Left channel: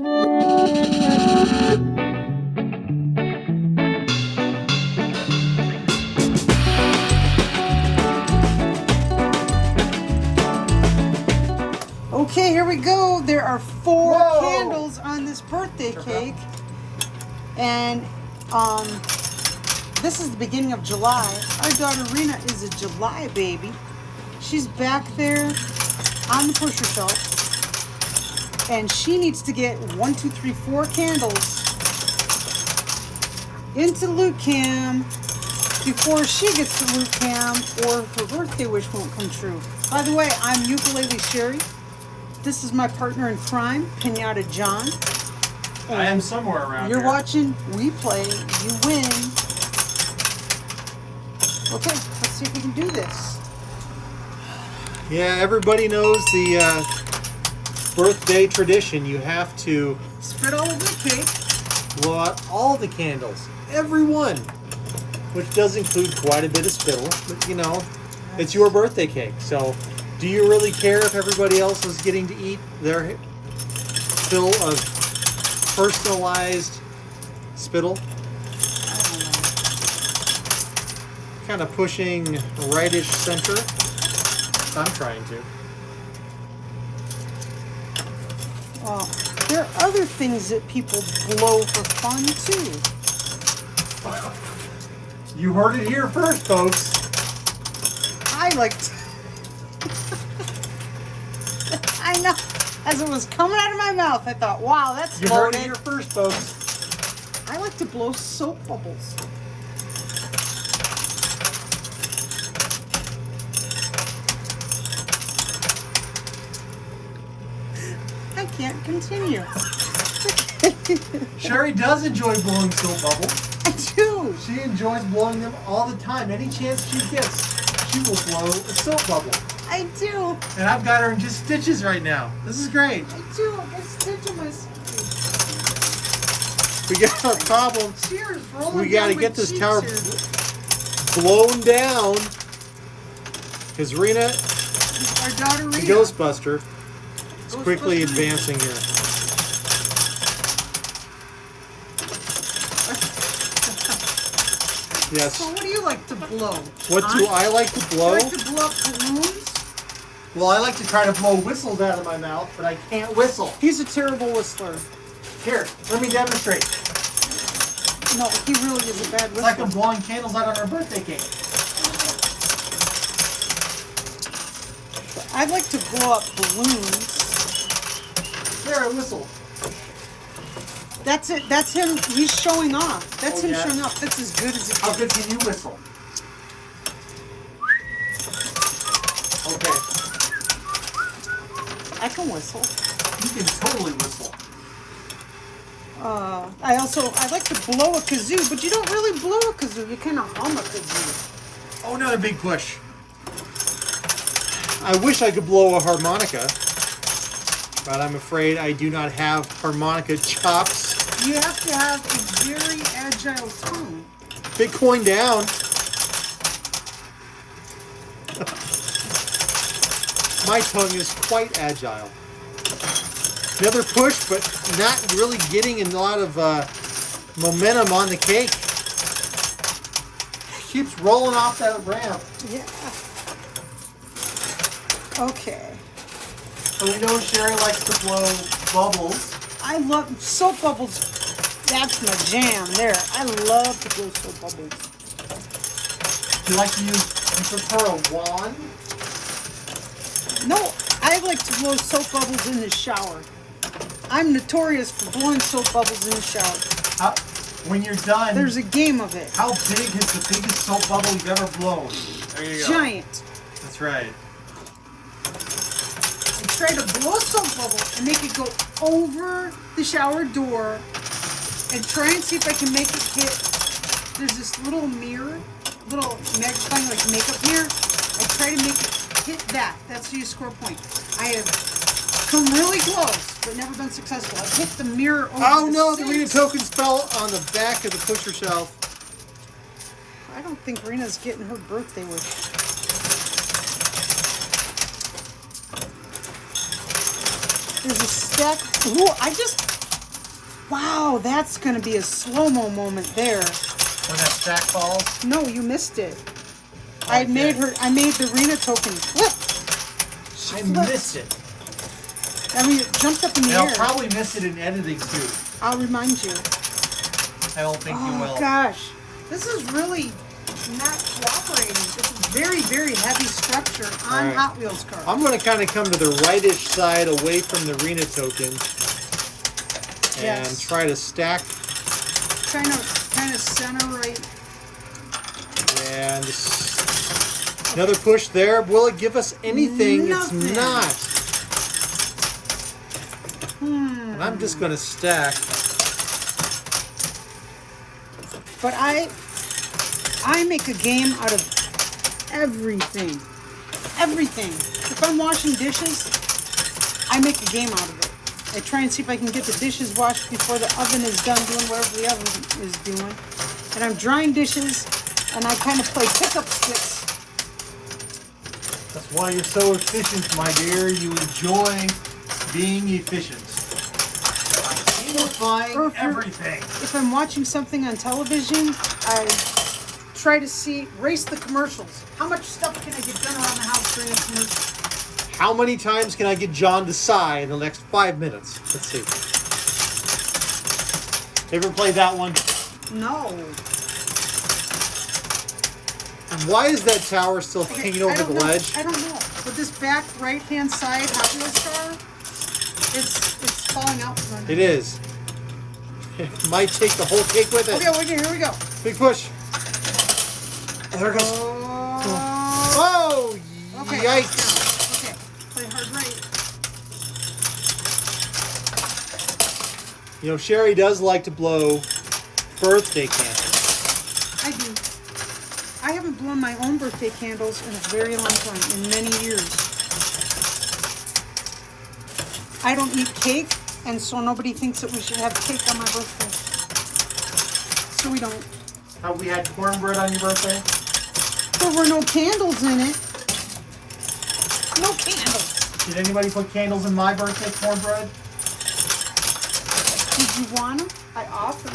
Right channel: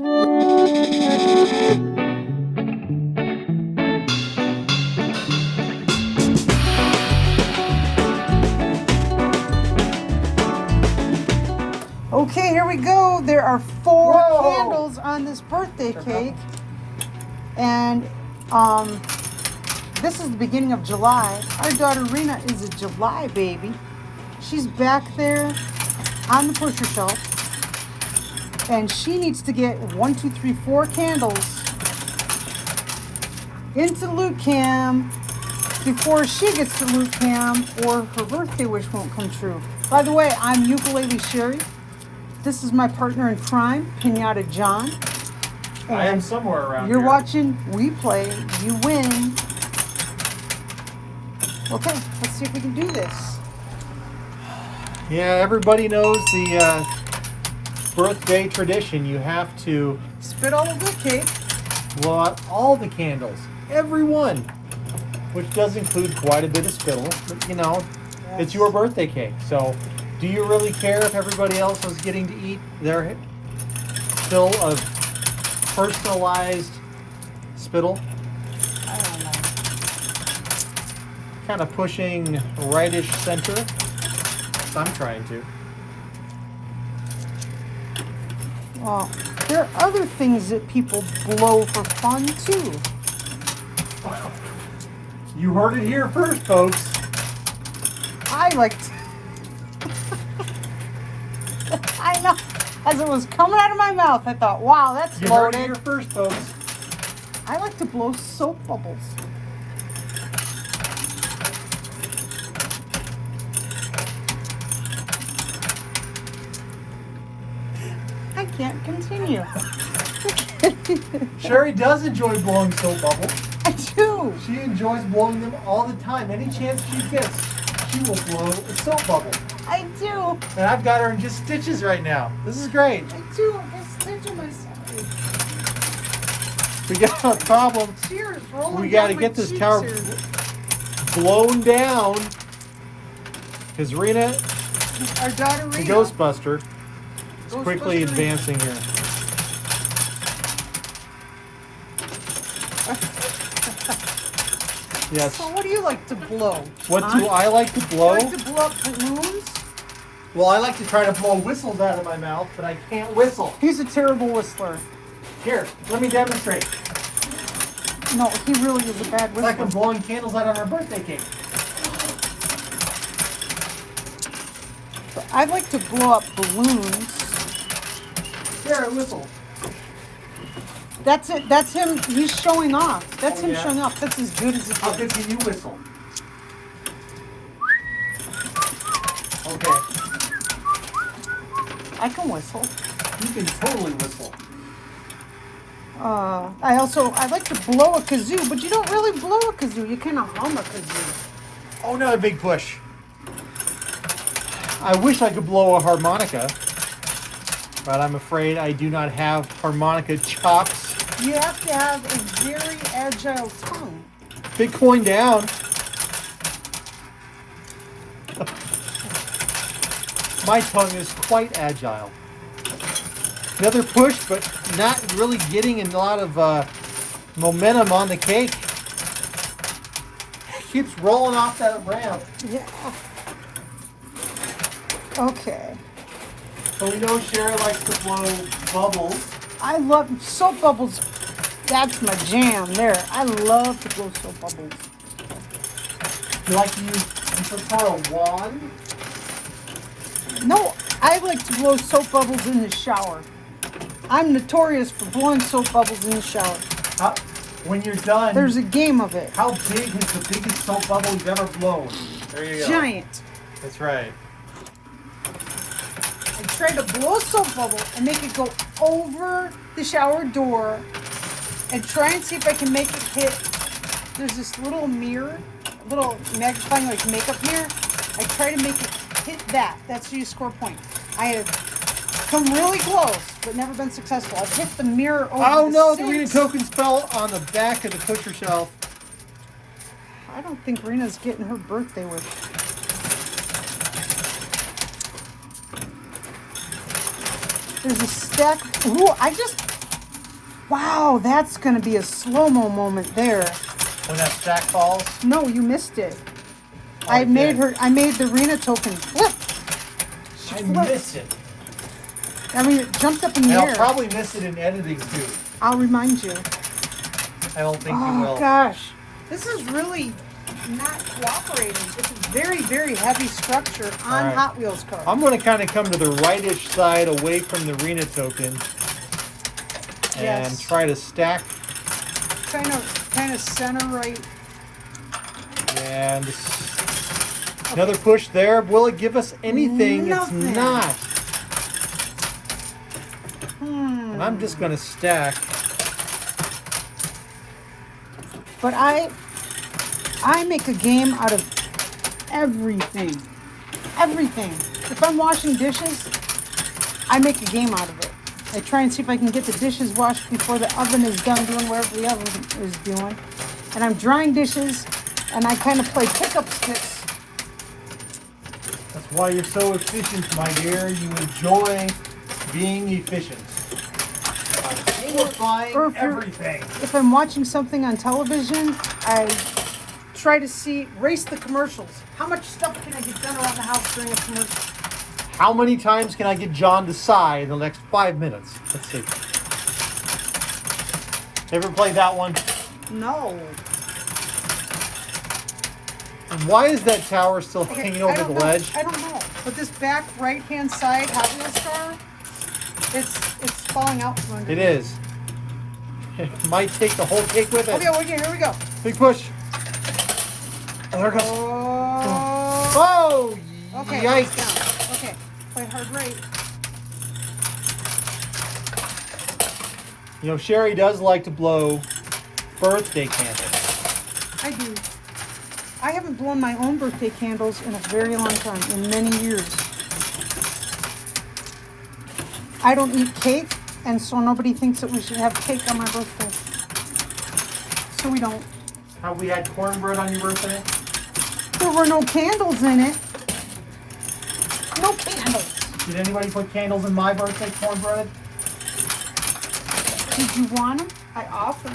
Okay, here we go. There are 4 candles on this birthday cake. And this is the beginning of July. Our daughter Rena is a July baby. She's back there on the pusher shelf. And she needs to get 1, 2, 3, 4 candles into Loot Cam before she gets to Loot Cam or her birthday wish won't come true. By the way, I'm Ukulele Sherry. This is my partner in crime, Pinata John. I am somewhere around You're here. watching, we play, you win. Okay, let's see if we can do this. Yeah, everybody knows the birthday tradition. You have to Spit all over the cake. blow out all the candles, every one, which does include quite a bit of spittle. But, you know, it's your birthday cake, so do you really care if everybody else is getting to eat their fill of personalized spittle? I don't know. Kind of pushing rightish center. I'm trying to. Well, there are other things that people blow for fun too. You heard it here first, folks. I like to. I know. As it was coming out of my mouth, I thought, wow, that's You heard it loaded. here first, folks. I like to blow soap bubbles. I can't continue. Sherry does enjoy blowing soap bubbles. I do. She enjoys blowing them all the time. Any chance she gets, she will blow a soap bubble. I do. And I've got her in just stitches right now. This is great. I do. I stitch on myself. We got a problem. Cheers. Rolling We got to down get my this cheeks tower here. blown down. Because Rena, Our daughter the Rena. Ghostbuster, is quickly advancing them. Yes. So what do you like to blow? What do I like to You blow? like to blow up balloons? Well, I like to try to blow whistles out of my mouth, but I can't whistle. He's a terrible whistler. Here, let me demonstrate. No, he really is a bad It's like I'm whistler. blowing candles out of our birthday cake. I like to blow up balloons. Here, I whistle. That's it. That's him. He's showing off. That's Oh, him yeah? showing off. That's as good as it How gets. good can you whistle? Okay, I can whistle. you can totally whistle. I like to blow a kazoo, but you don't really blow a kazoo. You cannot hum a kazoo. Oh, another big push. I wish I could blow a harmonica, but I'm afraid I do not have harmonica chops. You have to have a very agile tongue. Bitcoin down. My tongue is quite agile. Another push, but not really getting a lot of momentum on the cake. Keeps rolling off that ramp. Yeah. Okay. So we know Sherry likes to blow bubbles. I love soap bubbles. That's my jam there. I love to blow soap bubbles. You like to use, you prefer a wand? No, I like to blow soap bubbles in the shower. I'm notorious for blowing soap bubbles in the shower. When you're done, There's a game of it. how big is the biggest soap bubble you've ever blown? There you go. Giant. That's right. I try to blow a soap bubble and make it go over the shower door and try and see if I can make it hit. There's this little mirror, little magnifying like makeup mirror. I try to make it hit that. That's how you score points. I have come really close, but never been successful. I've hit the mirror over. Oh no, the six. Rena tokens fell on the back of the pusher shelf. I don't think Rena's getting her birthday wish. There's a stack. Ooh, I just Wow, that's gonna be a slow-mo moment there. When that stack falls. No, you missed it. I Okay. made the arena token flip. I missed it. I mean, it jumped up in the And I'll air. probably miss it in editing too. I'll remind you. I don't think you Oh will. gosh, this is really not cooperating. This is very, very heavy structure on Alright. Hot Wheels cars. I'm going to kind of come to the rightish side away from the arena token and Yes. try to stack Kind of center right. and another push there. Will it give us anything? Nothing. It's not. And I'm just going to stack. But I make a game out of everything. Everything. If I'm washing dishes, I make a game out of it. I try and see if I can get the dishes washed before the oven is done doing whatever the oven is doing. And I'm drying dishes, and I kind of play pickup sticks. That's why you're so efficient, my dear. You enjoy being efficient. Simplifying everything. If I'm watching something on television, I try to race the commercials. How much stuff can I get done around the house during the commercials? How many times can I get John to sigh in the next 5 minutes? Let's see. Ever played that one? No. And why is that tower still Okay, hanging I over don't the know. ledge? I don't know. But this back right-hand side Hot Wheels car, it's falling out from the It is. It might take the whole cake with it. Okay, here we go. Big push. There it goes. Whoa. Whoa! Okay. Yikes. Okay. Play hard right. You know, Sherry does like to blow birthday candles. I do. I haven't blown my own birthday candles in a very long time, in many years. I don't eat cake, and so nobody thinks that we should have cake on my birthday. So we don't. Have we had cornbread on your birthday? There were no candles in it. No candles. Did anybody put candles in my birthday cornbread? Did you want them? I offered.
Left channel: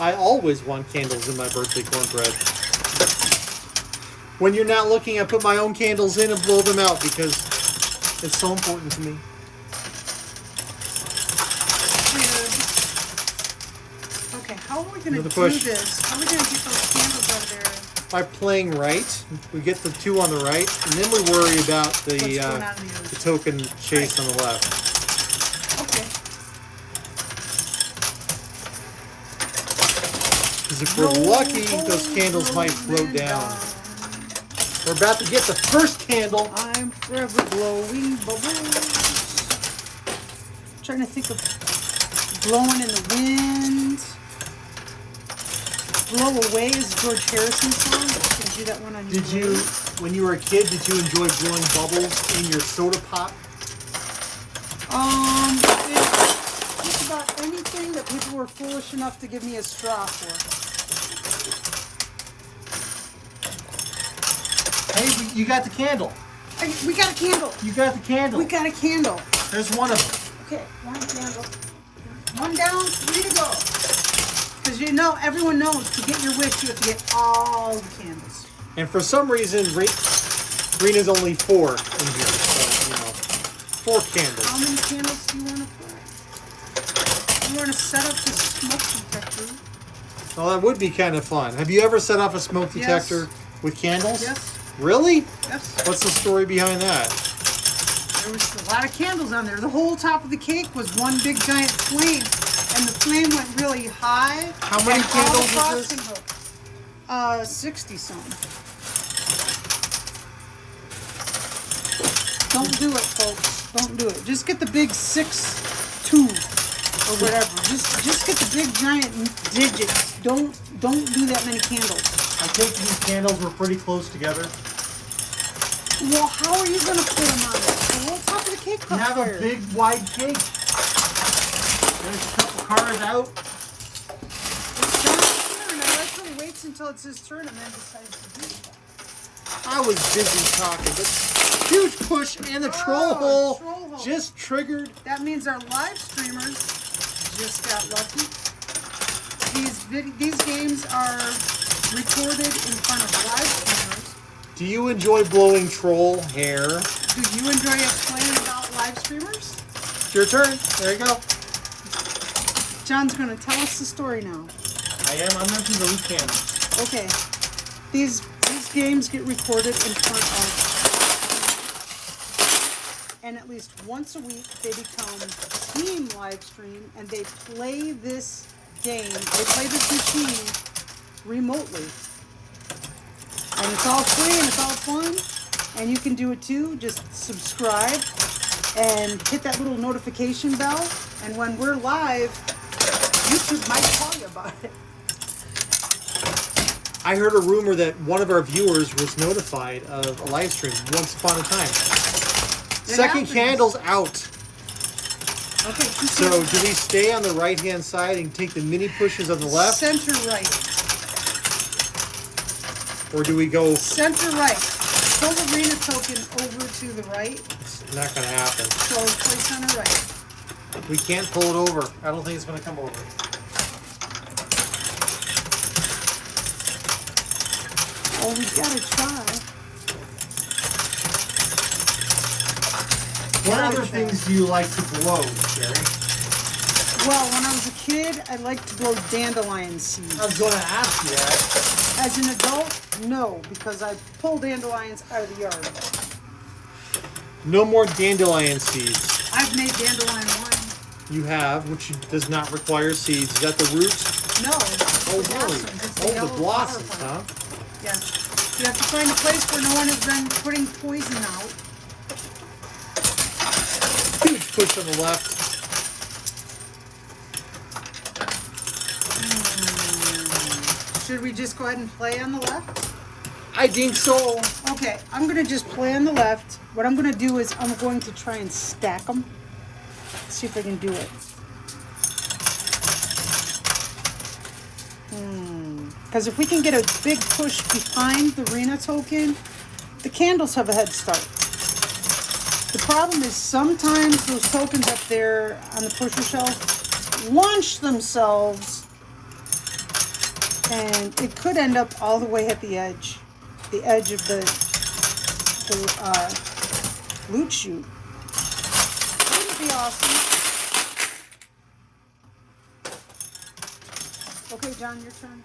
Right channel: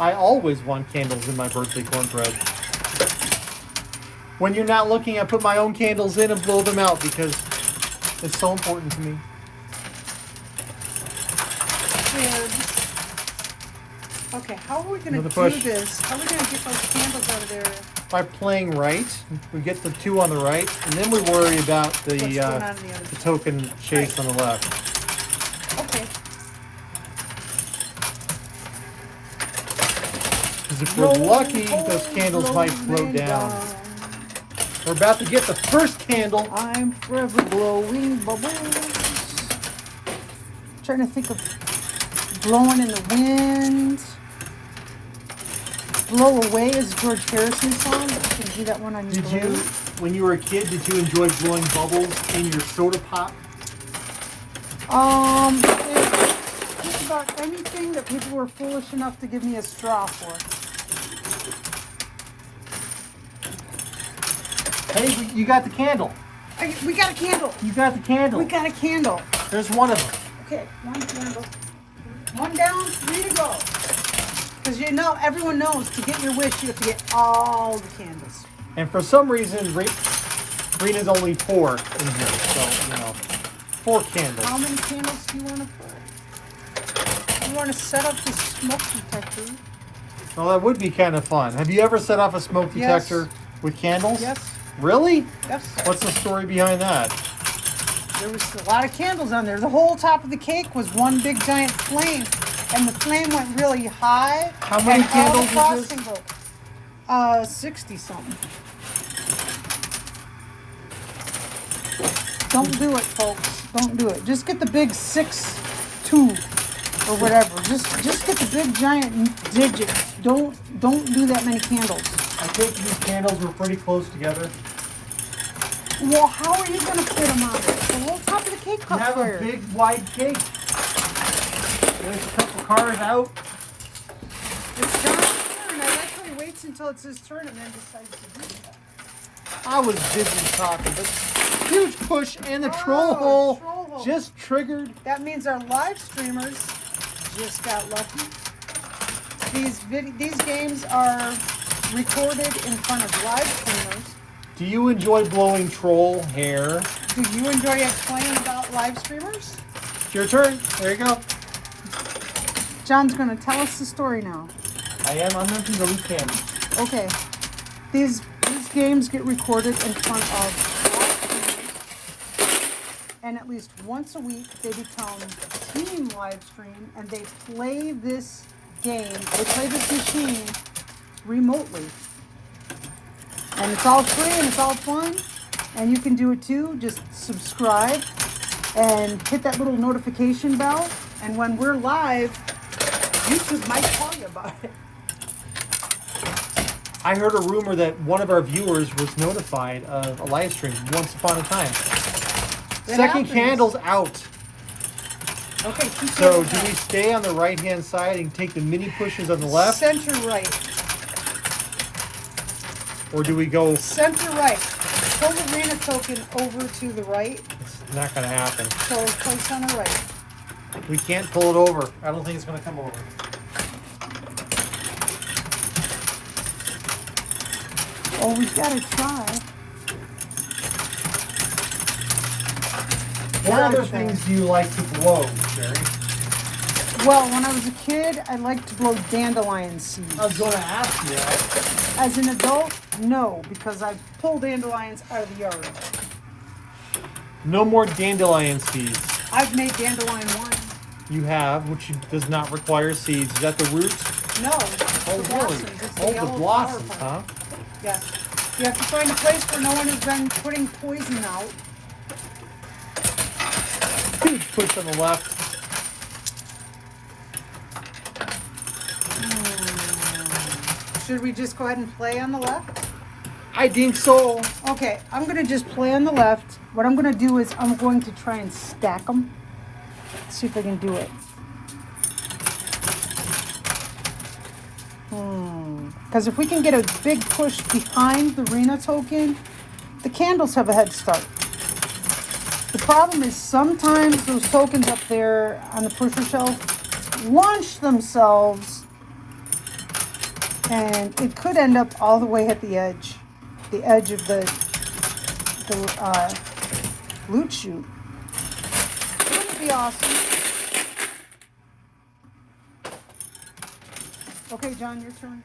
I always want candles in my birthday cornbread. When you're not looking, I put my own candles in and blow them out because it's so important to me. Okay, how are we going Another to do push. this? How are we going to get those candles over there? By playing right, we get the two on the right, and then we worry about What's going on the there? token chase on the left. Okay. Because if we're lucky, those candles might float down. We're about to get the first candle. I'm forever blowing bubbles. Trying to think of blowing in the wind. Blow Away is George Harrison's song. You should do that one on your Did you, own. when you were a kid, did you enjoy blowing bubbles in your soda pop? Just about anything that people were foolish enough to give me a straw for. Hey, you got the candle. We got a candle. You got the candle. We got a candle. There's one of them. Okay, one candle. One down, 3 to go. Because you know, everyone knows to get your wish, you have to get all the candles. And for some reason, green is only 4 in here. So, 4 candles. How many candles do you want to put? You want to set up the smoke detector? Well, that would be kind of fun. Have you ever set off a smoke detector with candles? Yes. Really? Yes. What's the story behind that? There was a lot of candles on there. The whole top of the cake was one big giant flame. And the flame went really high. How many and all the candles is frosting broke. 60 something. Don't do it, folks. Don't do it. Just get the big 6-2 or whatever. Just get the big giant digits. Don't do that many candles. I think these candles were pretty close together. Well, how are you going to put them on? The whole top of the cake You caught have fire. a big, wide cake. There's a couple cars out. Actually waits until it's his turn and then decides to do it. I was busy talking, but huge push and the troll hole. Troll ho. Just triggered. That means our live streamers just got lucky. These games are recorded in front of live streamers. Do you enjoy blowing troll hair? Do you enjoy us playing about live streamers? It's your turn. There you go. John's going to tell us the story now. I am. I'm emptying the loot can. Okay. These games get recorded in front of, and at least once a week they become team live stream, and they play this game, they play this machine remotely. And it's all free and it's all fun, and you can do it too. Just subscribe and hit that little notification bell, and when we're live, YouTube might tell you about it. I heard a rumor that one of our viewers was notified of a live stream once upon a time. Second candle's out. Okay, So do we stay on the right-hand side and take the mini pushes on the left? Center right. Or do we go... Center right. Put the arena token over to the right. It's not going to happen. So we play center right. We can't pull it over. I don't think it's going to come over. Oh, we've got to try. What other things do you like to blow, Sherry? Well, when I was a kid, I liked to blow dandelion seeds. I was going to ask you that. As an adult, no, because I pull dandelions out of the yard. No more dandelion seeds. I've made dandelion wine. You have, which does not require seeds. Is that the root? No. Oh, really? It's Oh, yellow the blossoms, flower huh? plant. Yeah. You have to find a place where no one has been putting poison out. Push on the left. Should we just go ahead and play on the left? I think so. Okay, I'm going to just play on the left. What I'm going to do is I'm going to try and stack them. Let's see if I can do it. Because if we can get a big push behind the arena token, the candles have a head start. The problem is sometimes those tokens up there on the pusher shelf launch themselves, and it could end up all the way at the edge of the loot chute. That'd be awesome. Okay, John, your turn.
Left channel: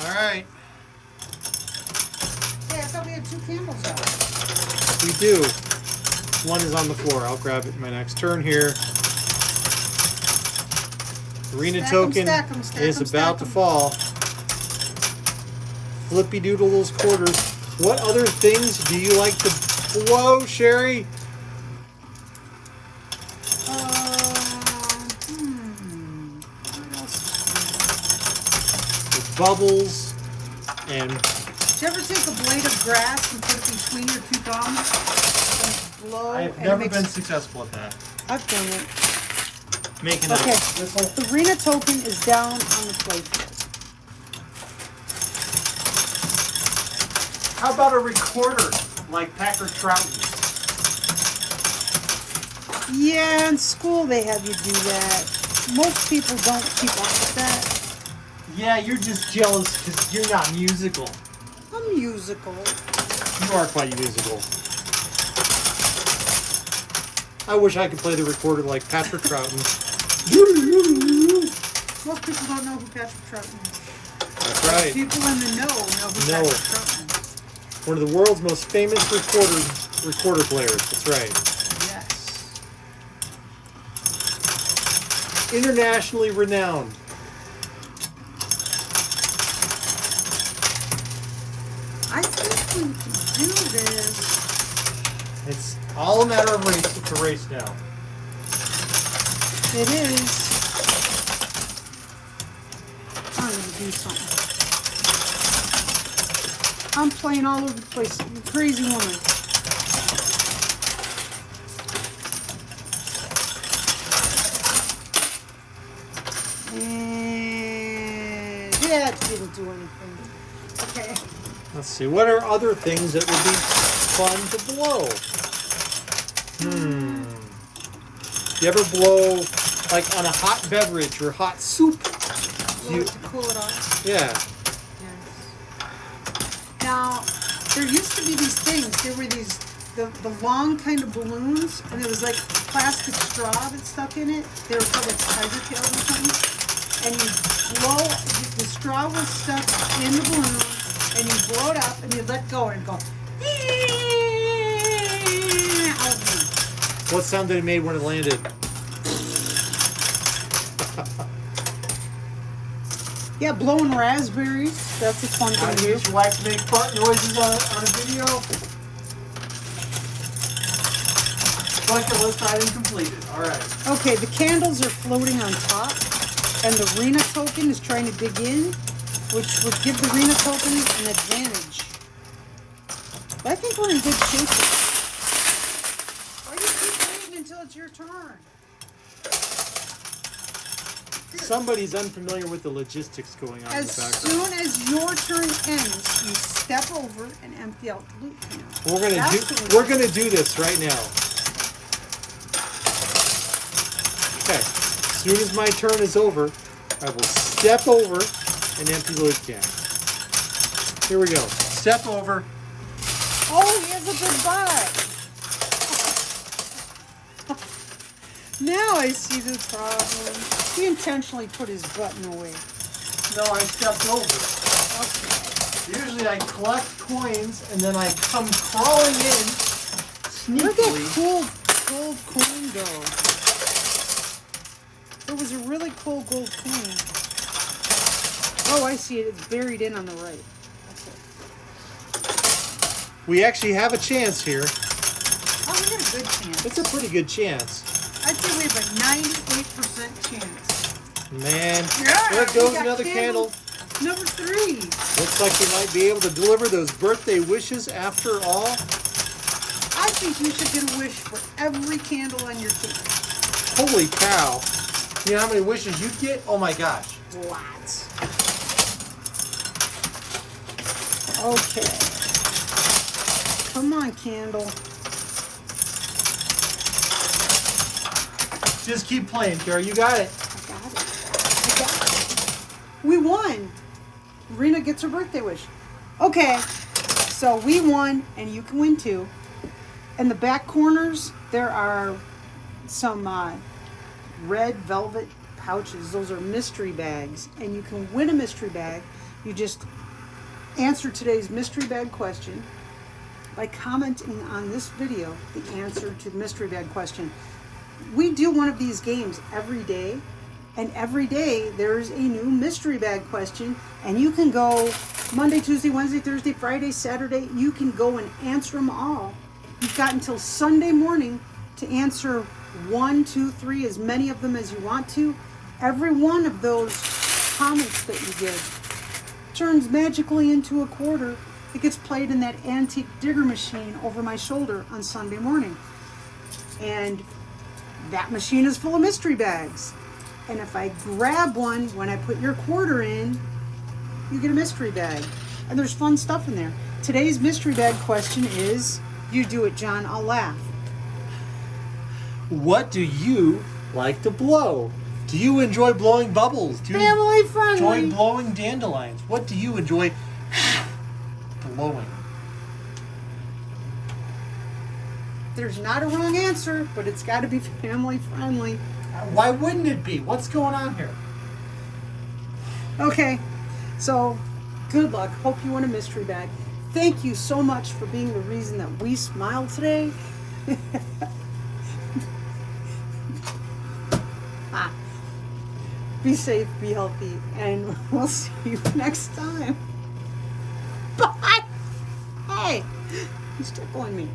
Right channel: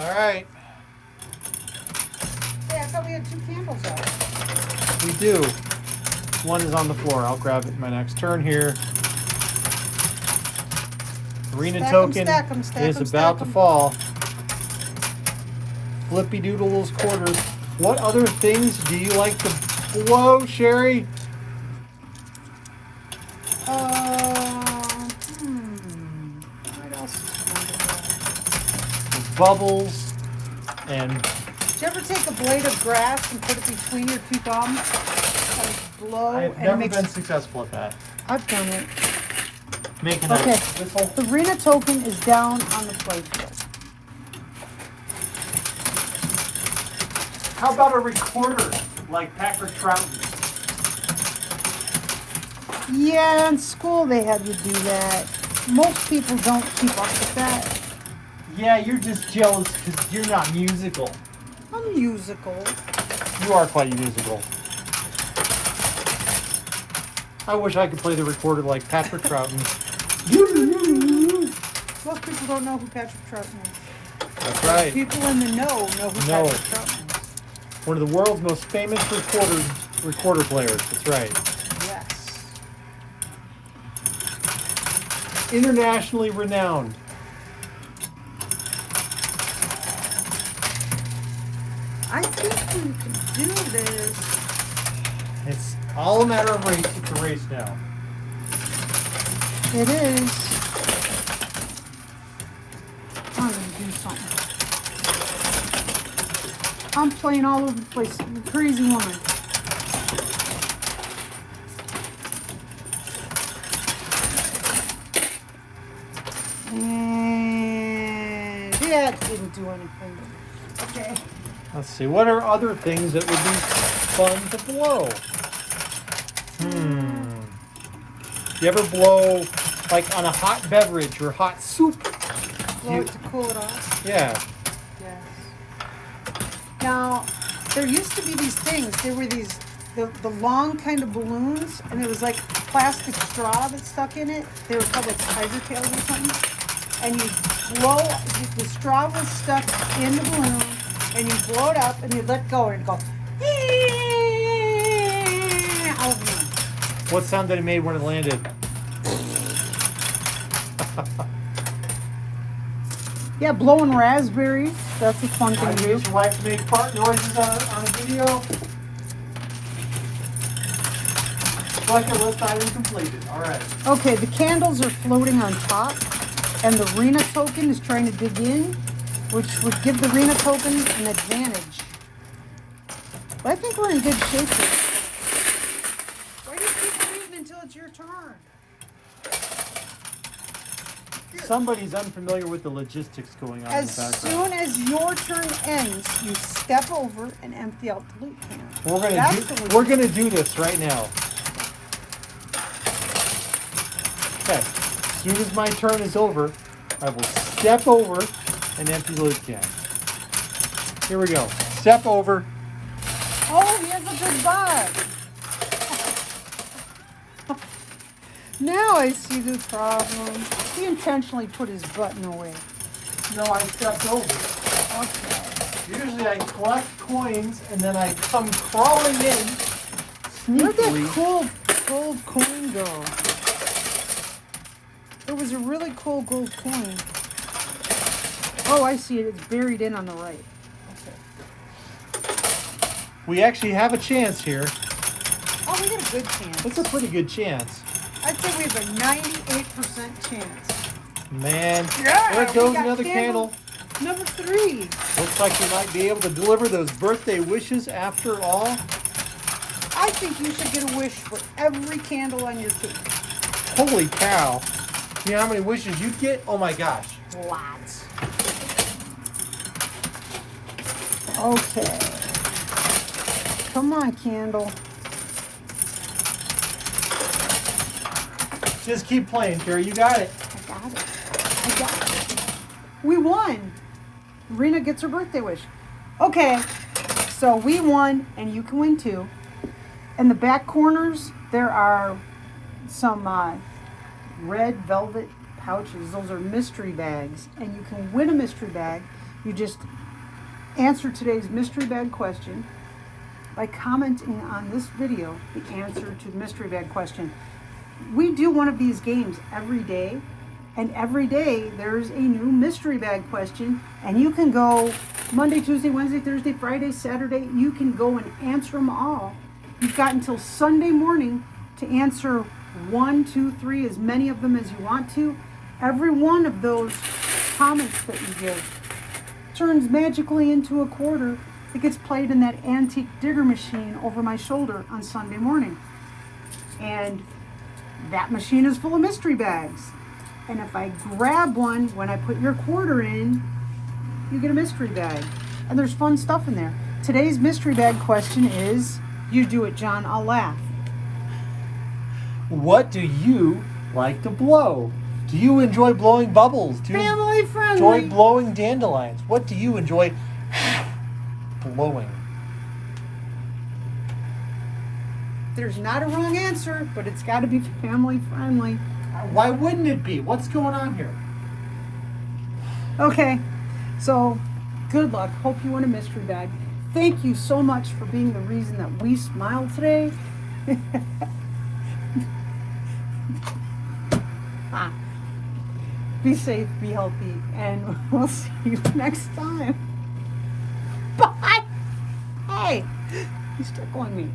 All right. Yeah, I thought we had two candles out. We do. One is on the floor. I'll grab it in my next turn here. Arena token is about to fall. Flippy Doodle's quarters. What other things do you like to blow, Sherry? What else? Bubbles and Did you ever take a blade of grass and put it between your two thumbs? And blow I've and never mix- been successful at that. I've done it. Making Okay, this whole the arena token is down on the playfield. How about a recorder like Patrick Troughton? Yeah, in school they have you do that. Most people don't keep up with that. Yeah, you're just jealous because you're not musical. I'm musical. you are quite musical. I wish I could play the recorder like Patrick Troughton. Most people don't know who Patrick Troughton is. That's right. People in the know who No. Patrick Troughton is. One of the world's most famous recorder players. That's right. Yes. Internationally renowned. I think we can do this. It's all a matter of race. It's a race now. It is. I'm gonna do something. I'm playing all over the place. I'm a crazy woman. And yeah, it didn't do anything. Okay. Let's see. What are other things that would be fun to blow? You ever blow like on a hot beverage or hot soup? Blow the cord off. Yeah. Yes. Now, there used to be these things. They were these, the long kind of balloons, and it was like plastic straw that stuck in it. They were called like spider tails or something. And you blow, the straw was stuck in the balloon, and you blow it up, and you let go, and it goes. What sound did it made when it landed? Yeah, blowing raspberries. That's a fun I thing to do. use your wife to make fart noises on a video. Bucket list item completed. All right. Okay, the candles are floating on top, and the Rena token is trying to dig in, which would give the Rena token an advantage. But I think we're in good shape. Why do you keep waiting until it's your turn? Somebody's unfamiliar with the logistics going on As in the background. soon as your turn ends, you step over and empty out the loot can. We're gonna do this right now. Okay. As soon as my turn is over, I will step over and empty the loot can. Here we go. Step over. Oh, he has a good buy. Now I see the problem. He intentionally put his button away. No, I stepped over. Usually I collect coins and then I come crawling in Look sneakily. at gold coin go. It was a really cool gold coin. Oh, I see it. It's buried in on the right. We actually have a chance here. Oh, we got a good chance. It's a pretty good chance. I'd say we have a 98% chance. Man, Yeah, there we goes got another candle. Number 3. Looks like you might be able to deliver those birthday wishes after all. I think you should get a wish for every candle on your tree. Holy cow. You know how many wishes you'd get? Oh my gosh. Lots. Okay. Come on, candle. Just keep playing, Carrie. You got it. I got it. We won. Rena gets her birthday wish. Okay, so we won, and you can win too. In the back corners, there are some red velvet pouches. Those are mystery bags, and you can win a mystery bag. You just answer today's mystery bag question by commenting on this video the answer to the mystery bag question. We do one of these games every day, and every day there's a new mystery bag question, and you can go Monday, Tuesday, Wednesday, Thursday, Friday, Saturday. You can go and answer them all. You've got until Sunday morning to answer 1, 2, 3, as many of them as you want to. Every one of those comments that you give turns magically into a quarter that gets played in that antique digger machine over my shoulder on Sunday morning. And that machine is full of mystery bags. And if I grab one when I put your quarter in, you get a mystery bag. And there's fun stuff in there. Today's mystery bag question is, you do it, John, I'll laugh. What do you like to blow? Do you enjoy blowing bubbles? Do you Family friendly. enjoy blowing dandelions? What do you enjoy blowing? There's not a wrong answer, but it's got to be family friendly. Why wouldn't it be? What's going on here? Okay, so good luck. Hope you win a mystery bag. Thank you so much for being the reason that we smiled today. Be safe, be healthy, and we'll see you next time. Bye. Hey, you're still calling me.